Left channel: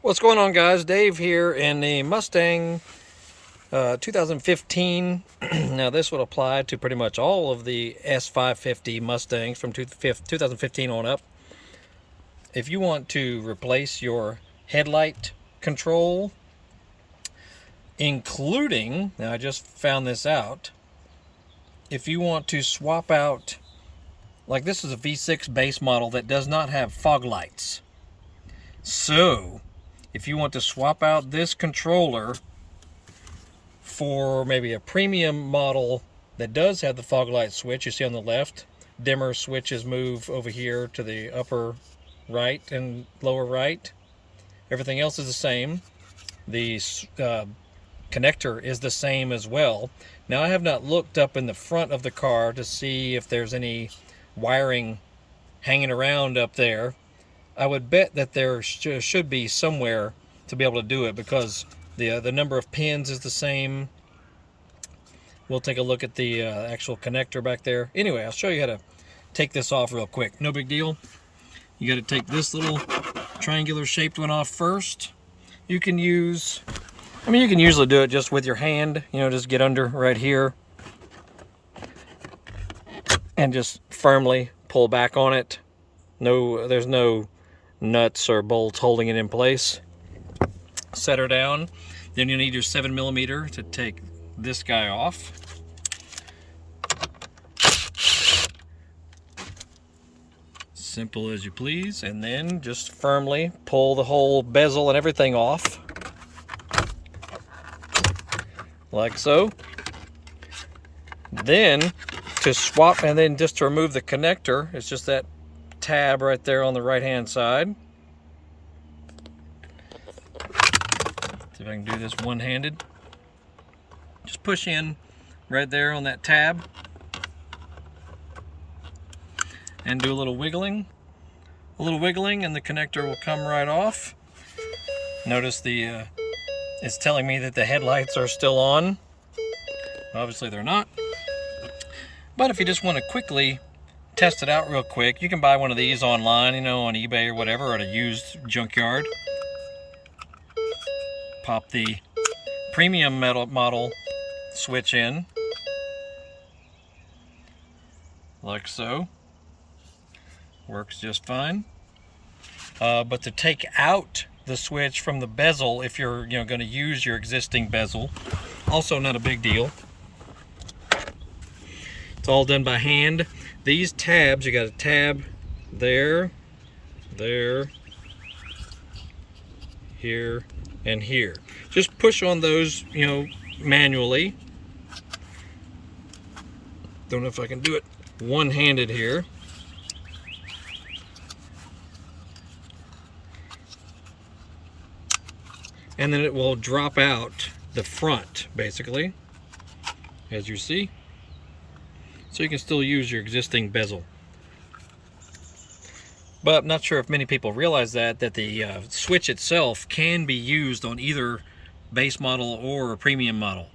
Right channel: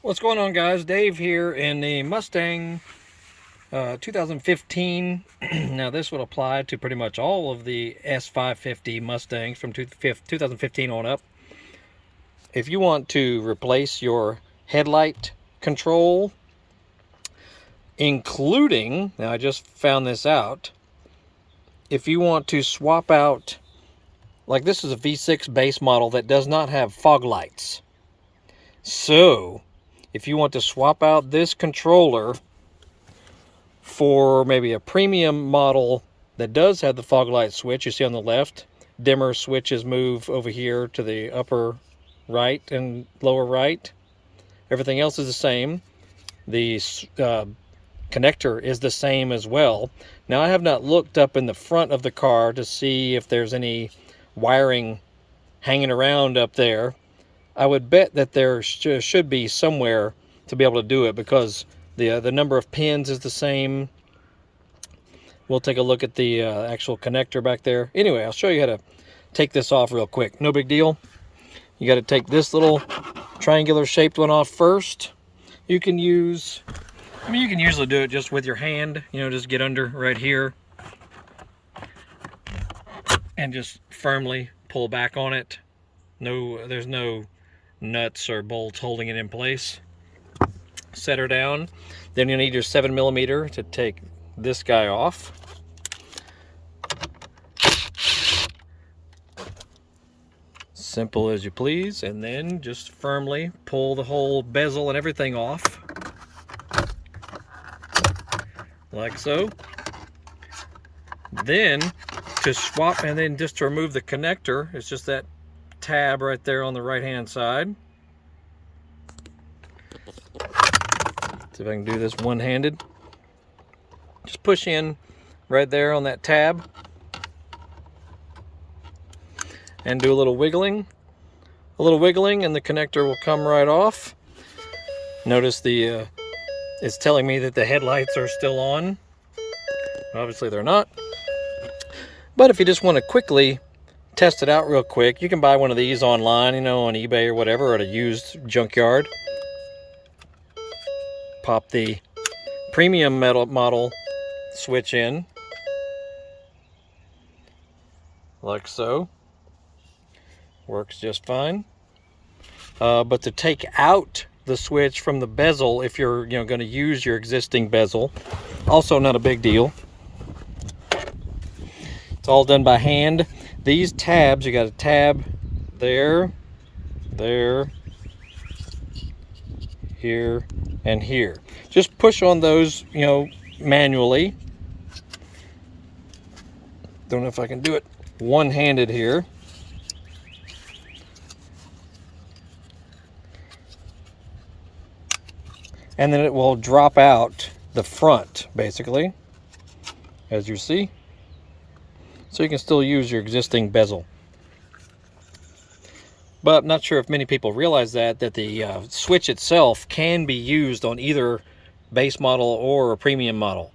What's going on, guys? Dave here in the Mustang 2015. Now this would apply to pretty much all of the S550 Mustangs from 2015 on up. If you want to replace your headlight control, including, now I just found this out, if you want to swap out, like this is a V6 base model that does not have fog lights. So if you want to swap out this controller for maybe a premium model that does have the fog light switch, you see on the left, dimmer switches move over here to the upper right and lower right. Everything else is the same. The connector is the same as well. Now I have not looked up in the front of the car to see if there's any wiring hanging around up there. I would bet that there should be somewhere to be able to do it because the number of pins is the same. We'll take a look at the actual connector back there. Anyway, I'll show you how to take this off real quick. No big deal. You got to take this little triangular shaped one off first. You can use, you can usually do it just with your hand, just get under right here and just firmly pull back on it. There's no nuts or bolts holding it in place. Set her down. Then you need your 7mm to take this guy off. Simple as you please. And then just firmly pull the whole bezel and everything off. Like so. Then to swap, and then just to remove the connector, it's just that tab right there on the right hand side. See if I can do this one-handed. Just push in right there on that tab and do a little wiggling. A little wiggling and the connector will come right off. Notice it's telling me that the headlights are still on. Obviously they're not. But if you just want to quickly test it out real quick, you can buy one of these online, on eBay or whatever, or at a used junkyard. Pop the premium metal model switch in, like so. Works just fine. But to take out the switch from the bezel, if you're going to use your existing bezel, also not a big deal. It's all done by hand. These tabs, you got a tab there, here, and here. Just push on those, manually. Don't know if I can do it one-handed here. And then it will drop out the front, basically, as you see. So you can still use your existing bezel. But I'm not sure if many people realize that the switch itself can be used on either base model or a premium model.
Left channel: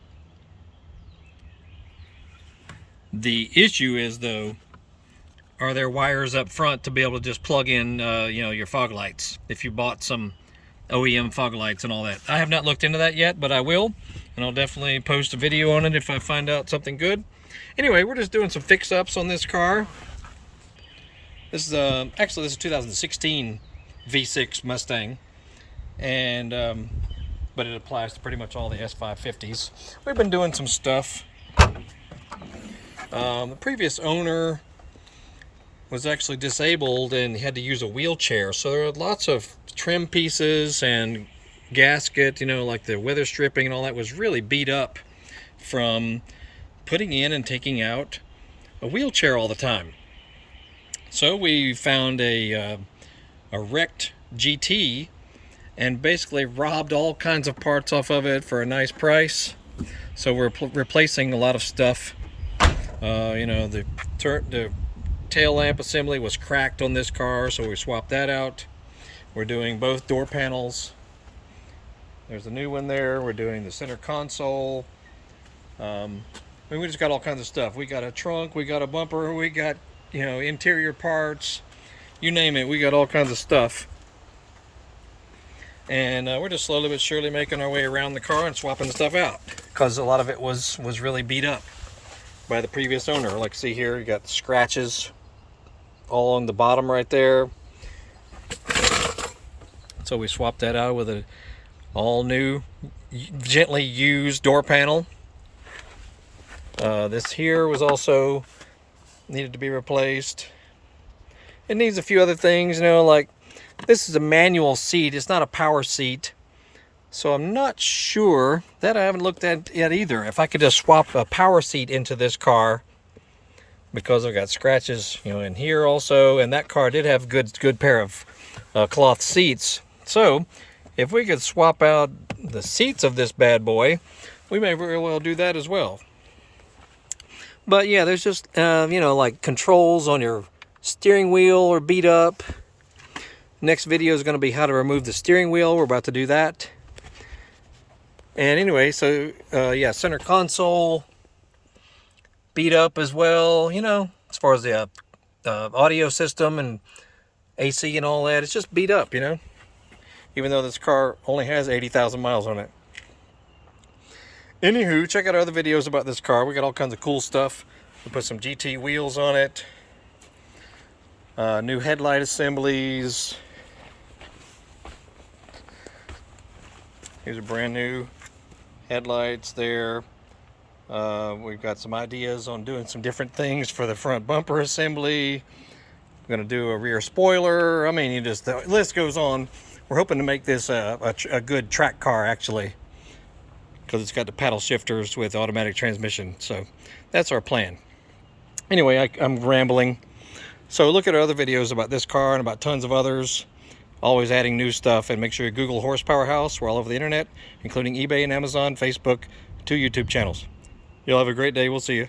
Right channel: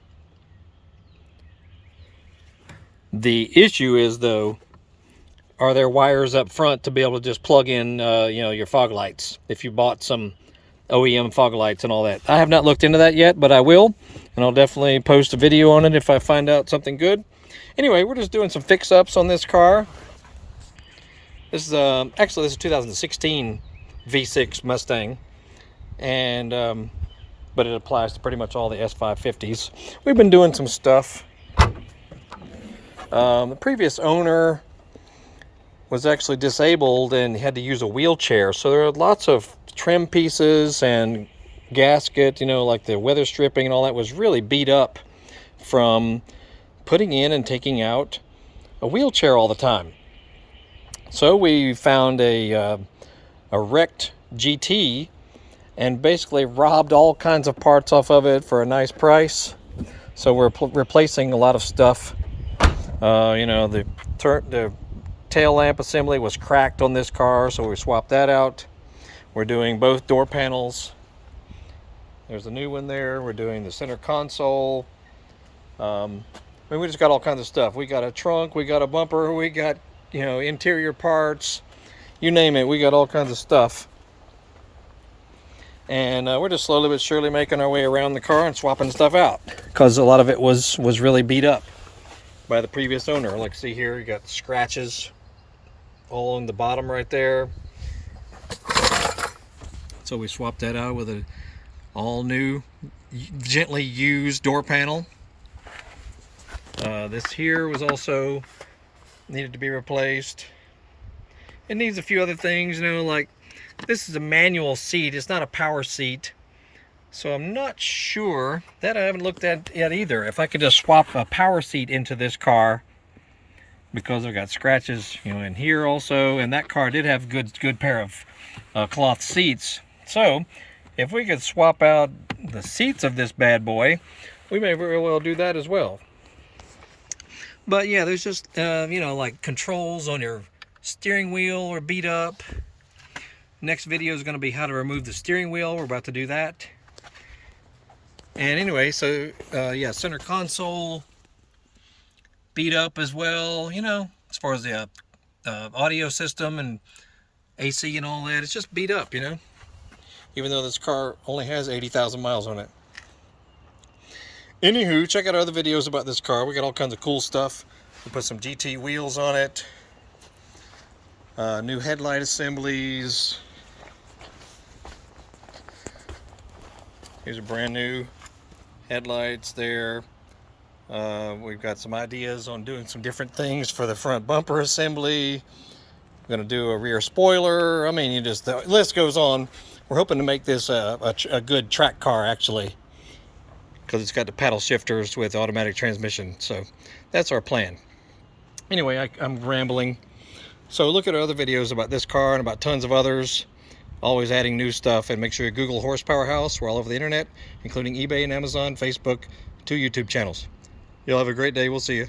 The issue is, though, are there wires up front to be able to just plug in, your fog lights? If you bought some OEM fog lights and all that. I have not looked into that yet, but I will, and I'll definitely post a video on it if I find out something good. Anyway, we're just doing some fix-ups on this car. This is actually, this is 2016 V6 Mustang, and but it applies to pretty much all the S550s. We've been doing some stuff. The previous owner was actually disabled and had to use a wheelchair, so there are lots of trim pieces and gasket, like the weather stripping and all that was really beat up from putting in and taking out a wheelchair all the time. So we found a wrecked GT and basically robbed all kinds of parts off of it for a nice price. So we're replacing a lot of stuff. The tail lamp assembly was cracked on this car, so we swapped that out. We're doing both door panels. There's a new one there. We're doing the center console. We just got all kinds of stuff. We got a trunk, we got a bumper, we got, interior parts, you name it, we got all kinds of stuff. And we're just slowly but surely making our way around the car and swapping stuff out, because a lot of it was really beat up by the previous owner. Like, see here, you got scratches all on the bottom right there. So we swapped that out with a all new, gently used door panel. This here was also needed to be replaced. It needs a few other things, you know, like this is a manual seat. It's not a power seat. So I'm not sure, that I haven't looked at yet either, if I could just swap a power seat into this car, because I've got scratches, you know, in here also, and that car did have good pair of cloth seats. So if we could swap out the seats of this bad boy, we may very well do that as well. But yeah, there's just you know, like controls on your steering wheel are beat up. Next video is going to be how to remove the steering wheel. We're about to do that. And anyway, so yeah, center console beat up as well, you know, as far as the audio system and AC and all that. It's just beat up, you know, even though this car only has 80,000 miles on it. Anywho, check out our other videos about this car. We got all kinds of cool stuff. We put some GT wheels on it, new headlight assemblies. Here's a brand new headlights there. We've got some ideas on doing some different things for the front bumper assembly. We're going to do a rear spoiler. I mean, you just, the list goes on. We're hoping to make this a good track car, actually, because it's got the paddle shifters with automatic transmission. So that's our plan. Anyway, I'm rambling. So look at our other videos about this car and about tons of others. Always adding new stuff, and make sure you Google Horsepower House. We're all over the internet, including eBay and Amazon, Facebook, 2 YouTube channels. You'll have a great day. We'll see you.